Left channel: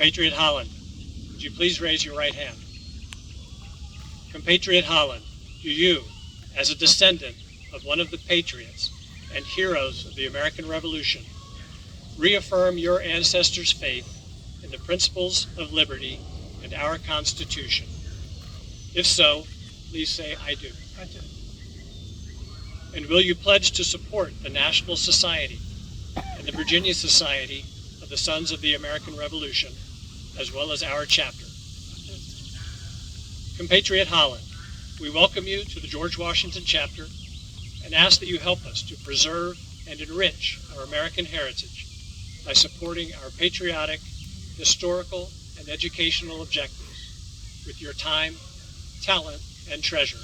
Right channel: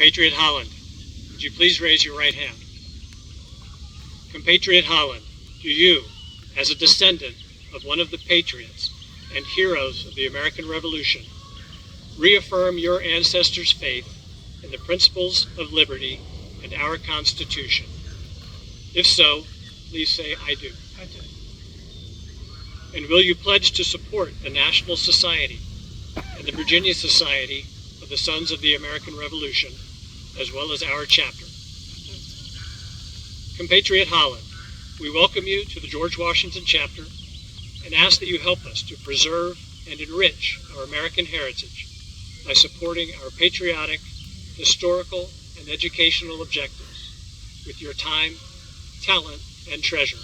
Compatriot Holland, would you please raise your right hand? Compatriot Holland, do you, as a descendant of one of the patriots and heroes of the American Revolution, reaffirm your ancestors' faith in the principles of liberty and our Constitution? If so, please say, I do. I do. And will you pledge to support the National Society and the Virginia Society of the Sons of the American Revolution, as well as our chapter? Compatriot Holland, we welcome you to the George Washington chapter and ask that you help us to preserve and enrich our American heritage by supporting our patriotic, historical, and educational objectives with your time, talent, and treasure.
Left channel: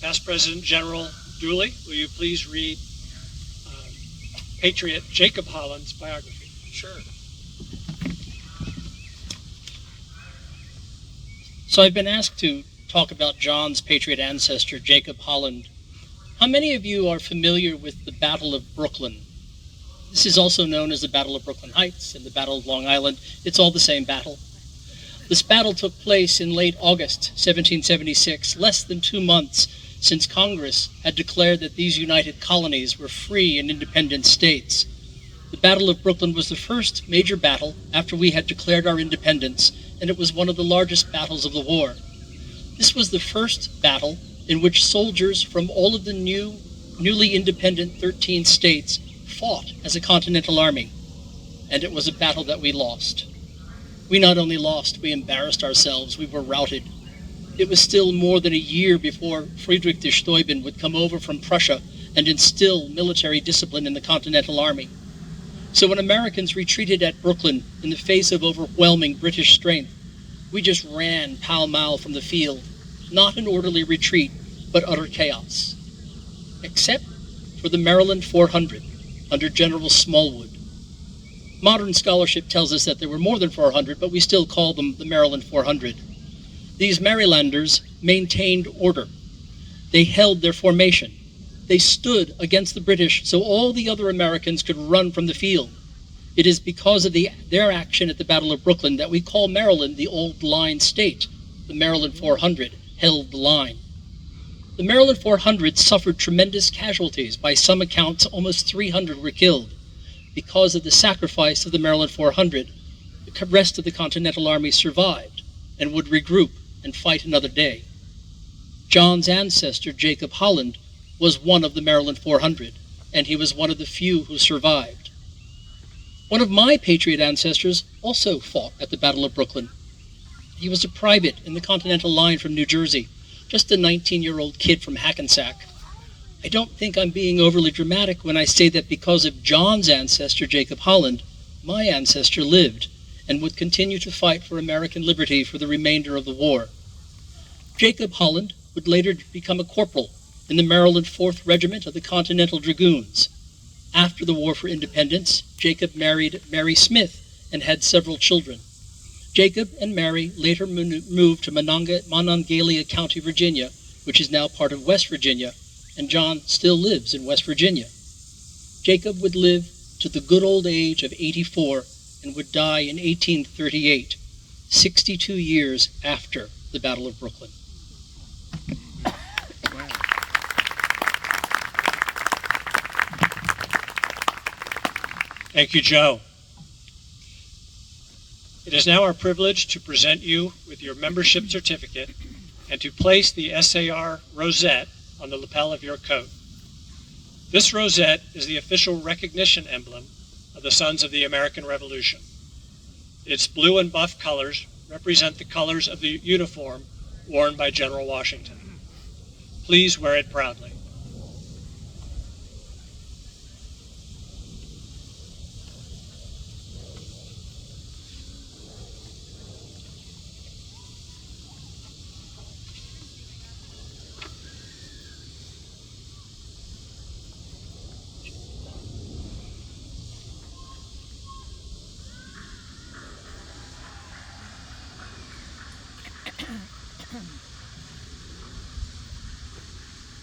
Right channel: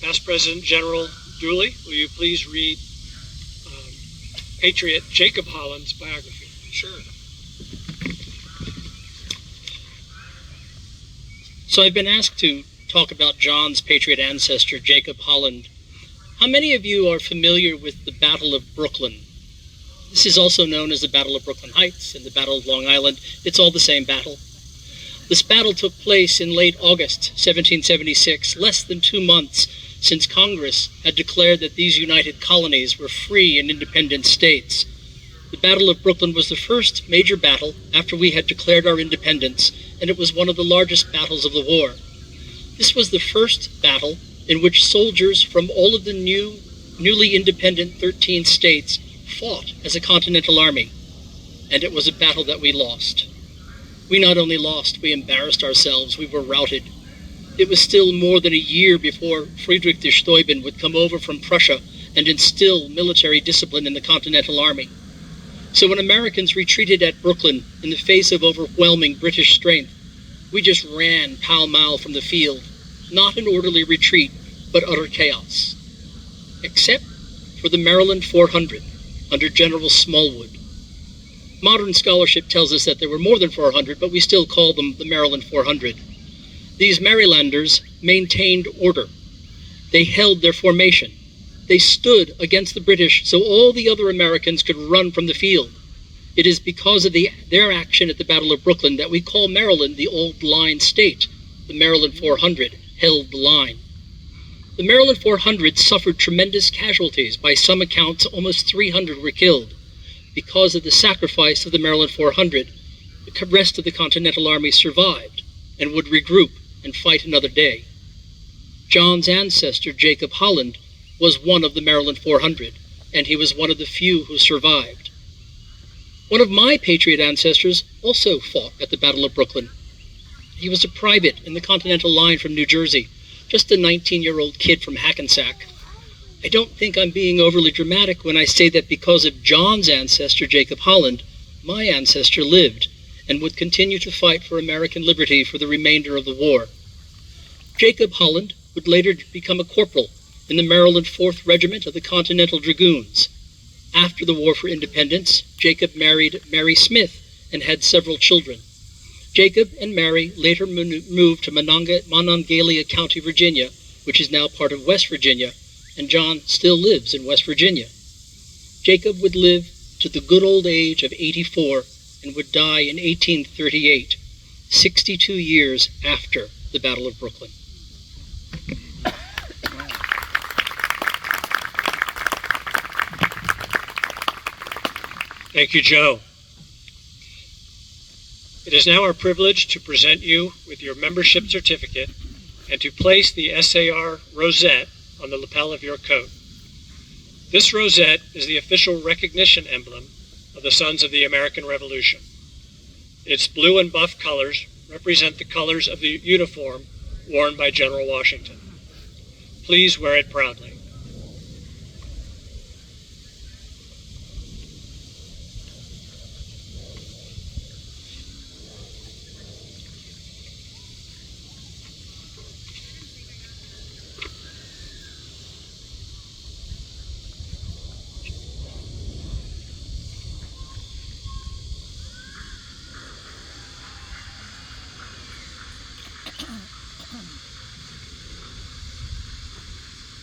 Past President General Dooley, will you please read Patriot Jacob Holland's biography? Sure. So I've been asked to talk about John's patriot ancestor, Jacob Holland. How many of you are familiar with the Battle of Brooklyn? This is also known as the Battle of Brooklyn Heights and the Battle of Long Island. It's all the same battle. This battle took place in late August 1776, less than 2 months since Congress had declared that these united colonies were free and independent states. The Battle of Brooklyn was the first major battle after we had declared our independence, and it was one of the largest battles of the war. This was the first battle in which soldiers from all of the newly independent 13 states fought as a continental army, and it was a battle that we lost. We not only lost, we embarrassed ourselves, we were routed. It was still more than a year before Friedrich der Steuben would come over from Prussia and instill military discipline in the Continental Army. So when Americans retreated at Brooklyn in the face of overwhelming British strength, we just ran pell-mell from the field, not an orderly retreat, but utter chaos. Except for the Maryland 400 under General Smallwood. Modern scholarship tells us that there were more than 400, but we still call them the Maryland 400. These Marylanders maintained order. They held their formation. They stood against the British so all the other Americans could run from the field. It is because of their action at the Battle of Brooklyn that we call Maryland the Old Line State. The Maryland 400 held the line. The Maryland 400 suffered tremendous casualties. By some accounts, almost 300 were killed. Because of the sacrifice of the Maryland 400, the rest of the Continental Army survived and would regroup and fight another day. John's ancestor, Jacob Holland, was one of the Maryland 400, and he was one of the few who survived. One of my patriot ancestors also fought at the Battle of Brooklyn. He was a private in the Continental Line from New Jersey, just a 19-year-old kid from Hackensack. I don't think I'm being overly dramatic when I say that because of John's ancestor, Jacob Holland, my ancestor lived and would continue to fight for American liberty for the remainder of the war. Jacob Holland would later become a corporal in the Maryland 4th Regiment of the Continental Dragoons. After the War for Independence, Jacob married Mary Smith and had several children. Jacob and Mary later moved to Monongalia County, Virginia, which is now part of West Virginia, and John still lives in West Virginia. Jacob would live to the good old age of 84 and would die in 1838, 62 years after the Battle of Brooklyn. Thank you, Joe. It is now our privilege to present you with your membership certificate and to place the SAR rosette on the lapel of your coat. This rosette is the official recognition emblem of the Sons of the American Revolution. Its blue and buff colors represent the colors of the uniform worn by General Washington. Please wear it proudly.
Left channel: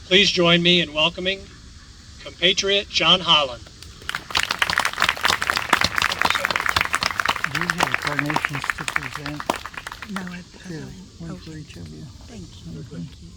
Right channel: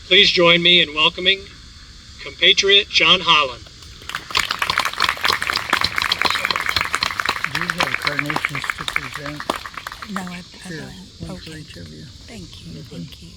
Please join me in welcoming compatriot John Holland. permissions to present? No, I Here, don't. one for Okay. each of you. Thank you. Thank you.